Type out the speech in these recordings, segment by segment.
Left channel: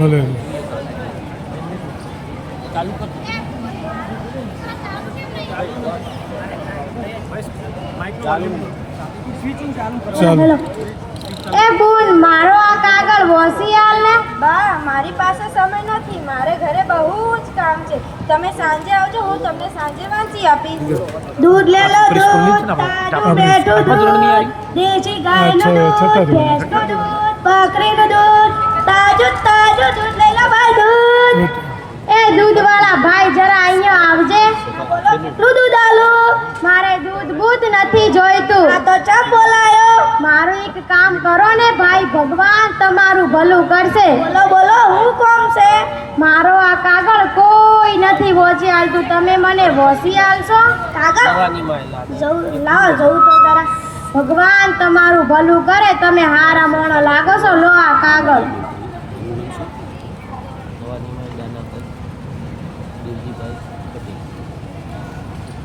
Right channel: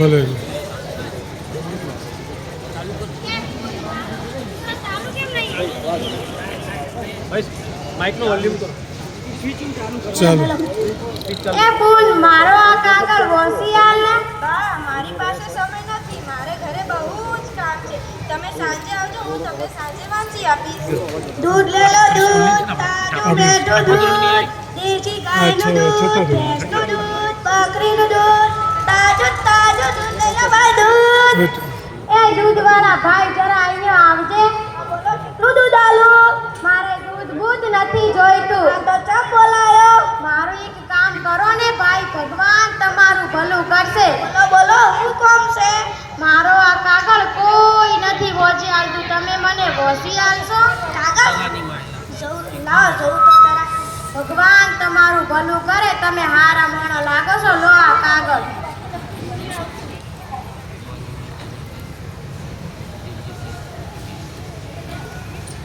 ભલે ચાલો. એ મારો આ કાગળ વોસી ને? બા મારી પાસે સમય નથી. મારે ઘરે બહુ જ કામ છે. તમે સાંજે આવજો હું તમને સાંજે વાંચી આપીશ. દૂધ લે લો દૂધ તાજું બેઠું દૂધ. દેશી ગાયનું દૂધ છતાં દૂધ એ દૂધવાળા ભાઈ જરા અહીંયા આવજે. દૂધ આલો. મારે દૂધ બૂધ નથી જોઈતું. આ તો ચા બોલાયો. મારું એક કામ કરો ને ભાઈ ભગવાન તમારું ભલું કરશે. બોલો બોલો હું કોમ છે? મારો આ કાગળ કોઈ નથી વોચી આલતું. તમે મને વોસી આલશો? કાગળ? લાવ જવું તો જરા. ભગવાન તમારું ભલું કરે. તમે હારા મોણો લાગો છો. લો આ કાગળ.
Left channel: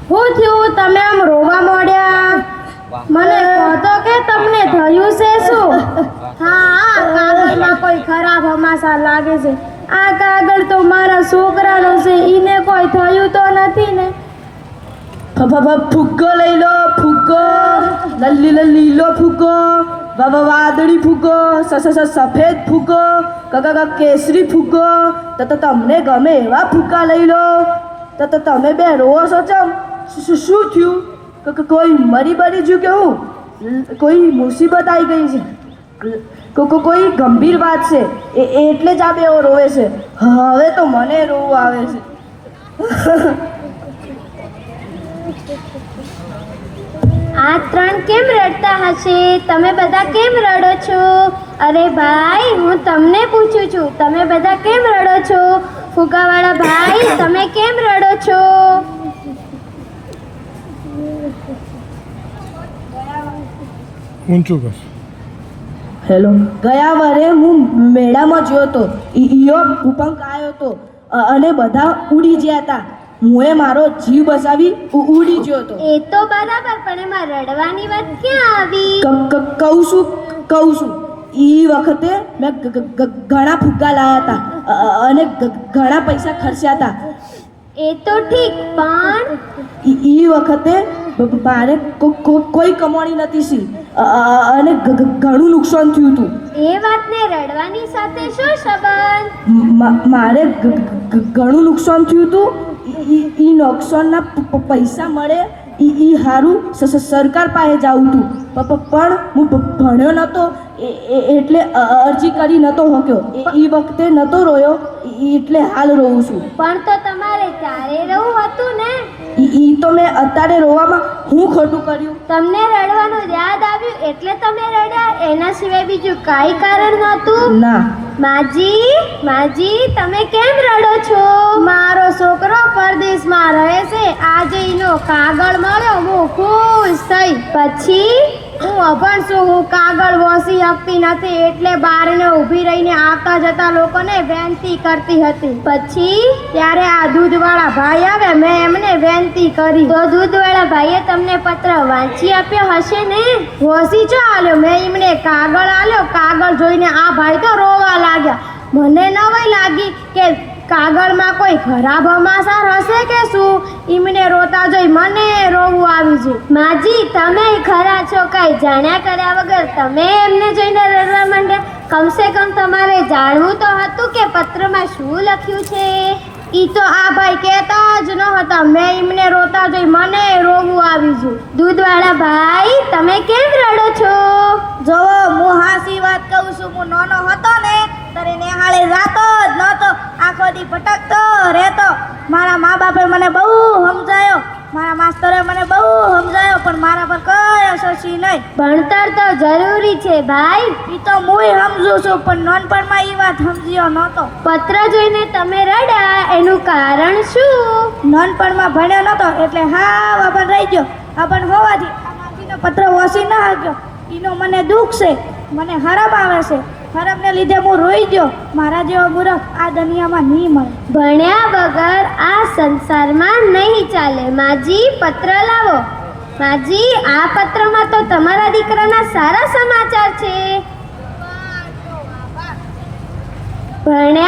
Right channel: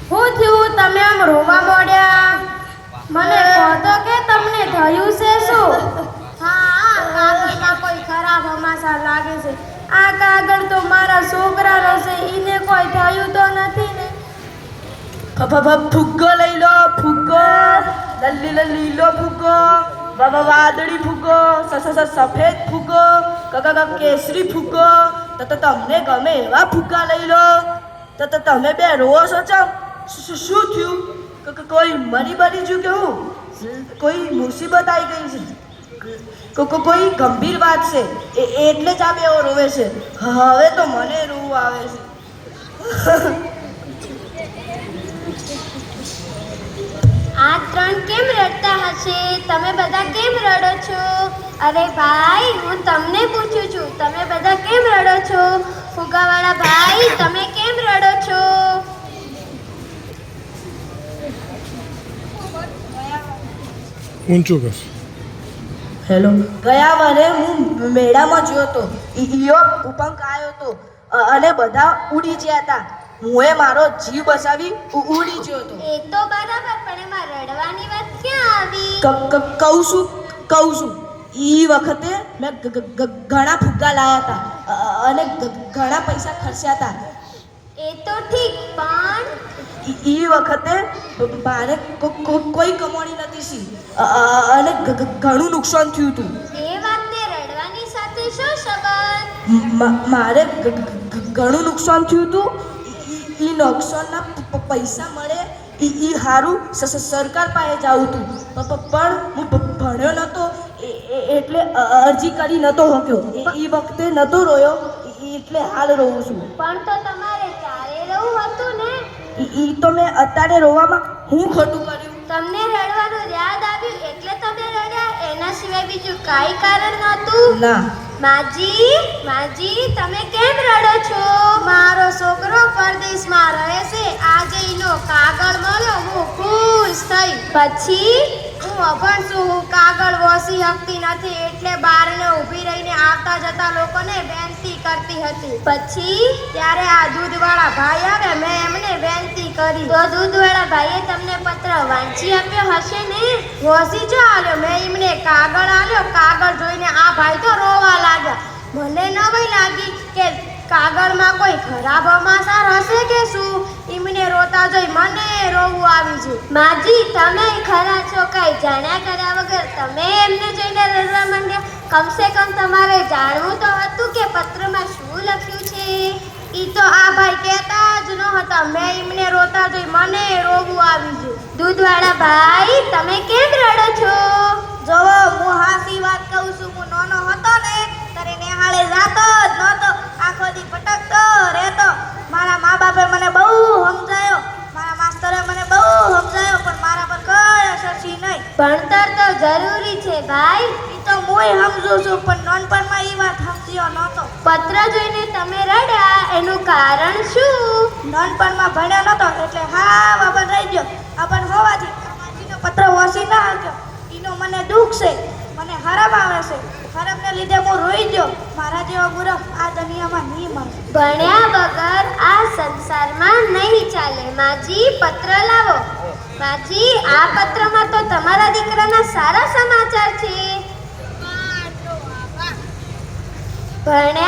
હું થયું? તમે આમ રોવા મોડ્યા? મને તો કે તમને થયું છે શું? હા, આ કાગળમાં કોઈ ખરાબ હમાસા લાગે છે. આ કાગળ તો મારા છોકરાનો છે. ઈને કોઈ થયું તો નથી ને. ફુગ્ગો લઈ લો ફુગ્ગો લલ્લી લલ્લી લીલો ફુગ્ગો બાબા વાદળી ફુગ્ગો સ સ સ સફેદ ફુગ્ગો કાકા કેસરી ફુગ્ગો તો તમને ગમે એવા ફૂકા લઈ લો. તો તમે બે રોવો છો ચમ? શું- થયું? કોઈ મરી મરી જ્યું કે કોઈ મુસીબત આવી ગઈ છે? કોઈ ગંભીર વાત છે? એ એટલે જ આ બે રોવે છે. હવે તો મને રોવું આવે છે. આ ત્રણ કેમ રડતા હશે? તમે બધા કેમ રડો છો? અરે ભાઈ, હું તમને પૂછું છું, તમે બધા કેમ રડો છો? ફુગાવાળા ભાઈ, તમે કેમ રડો છો? ઊંચું કર. હેલો ગયા વારે હું મેળામાં ગયો હતો. ઈયો ઉપંક આવ્યો હતો. અને બધા ઉડી ગયા હતા. હું મારો જીવ બચાવી ઉડી ગયો હતો. એ તો બરાબર પણ એમાં રડવાની વાત ક્યાં આવી? કહું છું કહું છું. ઈ વખતે મેં ઘણા ફુગ્ગા લાયા હતા. અને ઘણા પૈસા ખર્ચ્યા હતા. એ તો ઠીક પણ ઈ ઈ વખતે મારે કોઈ કમાણી નથી સી. અને ઘણું નુકસાન થયું હતું એ વાતને રડવાની સાથે શું સંબંધ? મારે ઘણું નુકસાન થયું હતું ઈ નુકસાનના પૈસા મળે ઈ ઈ હારું સ- સ- સરકાર પાસે જાવું હતું પણ હું ભણ્યો નહોતો એ- એ- એટલે અરજી કરી નહોતો શક્યો એ- ઈ વખતે નહોતો રોયો એટલે હાલ રોઉં છું. પણ તો તમારે ચારે હતું ને? ઈ ઈ તો મેં અત્યારે રોવામાં હું ખોટું કર્યું? તમને રડવાનું યાદ આવ્યું એટલે તમે રડ્યા? એના સિવાય બીજું કાંઈ કારણ નહોતું? ના. માજી માજી તમે કેમ રડો છો? મારો છોકરો પરદેશમાં રહે છે. આજે એનો કાગળ મળ્યો હું ખુશ થઈ. પછી? હું અભણ છું હું કાગળ વાંચી નથી એટલે બારને ઊભી રહીને આવતા જતા લોકોને વેનતી કરતી હતી. પછી ત્યારે આ દૂધવાળા ભાઈ આવે, મેં એમને વેનતી કરી. તો દૂધવાળા ભાઈએ તમને પત્ર વાંચી આપ્યો હશે ને? હોસી જો આલ્યો? મેં એમને કાગળ આલ્યો. કાગળ જોઈને આ ભાઈ તો રોવા લાગ્યા. મને નવાઈ લાગી કે કાગળમાં કોઈ ખરાબ હમાસાર હશે કે શું? એમને રોતા જોઈ મને રોવું આવી છે માજી, તમે ખરા છો? કાંઈ જાણ્યા કર્યા વગર તમે એમને જોઈને કમસે કમ તમારે જાણવું તો હતું કે પત્રમાં શું લખ્યું છે? ઈ તો આ ભાઈ કહેતા જ ન હતા મેં એમને રોતા જોઈ મને રોવું આવી ગયું. દૂધવાળા ભાઈ તમે કેમ રડો છો જોવો હું હાસી વાત કહું છું હું નાનો હતો ને ત્યારે નિહાળે જાતો જ નહોતો આખો દી ભટકતો રહેતો મારા મા બાપે મને બહુ સમજાયો મારા માસ્તરે મને બહુ સમજાયો પણ મારા પર કઈ નહીં. ભણતર તો જરૂરી છે ભાઈ. એ તો હું સમજુ છું પણ નાનપણમાં એ વાત સમજ્યો નહોતો. પત્ર જોઈને તમે રડ્યા એનું કારણ શું? નાનપણમાં ભણ્યો નહોતો એટલે હા વાપર રહી ગયો. વાપર હોવાથી પત્ર વાંચી ના શક્યો એનો મને દુઃખ છે મને હરમ આવે છે. ખરાબને લીધે હું રોઈ ગયો. મારા જેવો મૂર્ખ આ દુનિયામાં નહીં મળે. ભણ્યા વગર આ સંસારમાં નહીં ચાલે. માજી પત્ર લાવો. બાજી આ પત્રમાં તો તમારા દીકરાના સારા સમાચાર છે. ભણે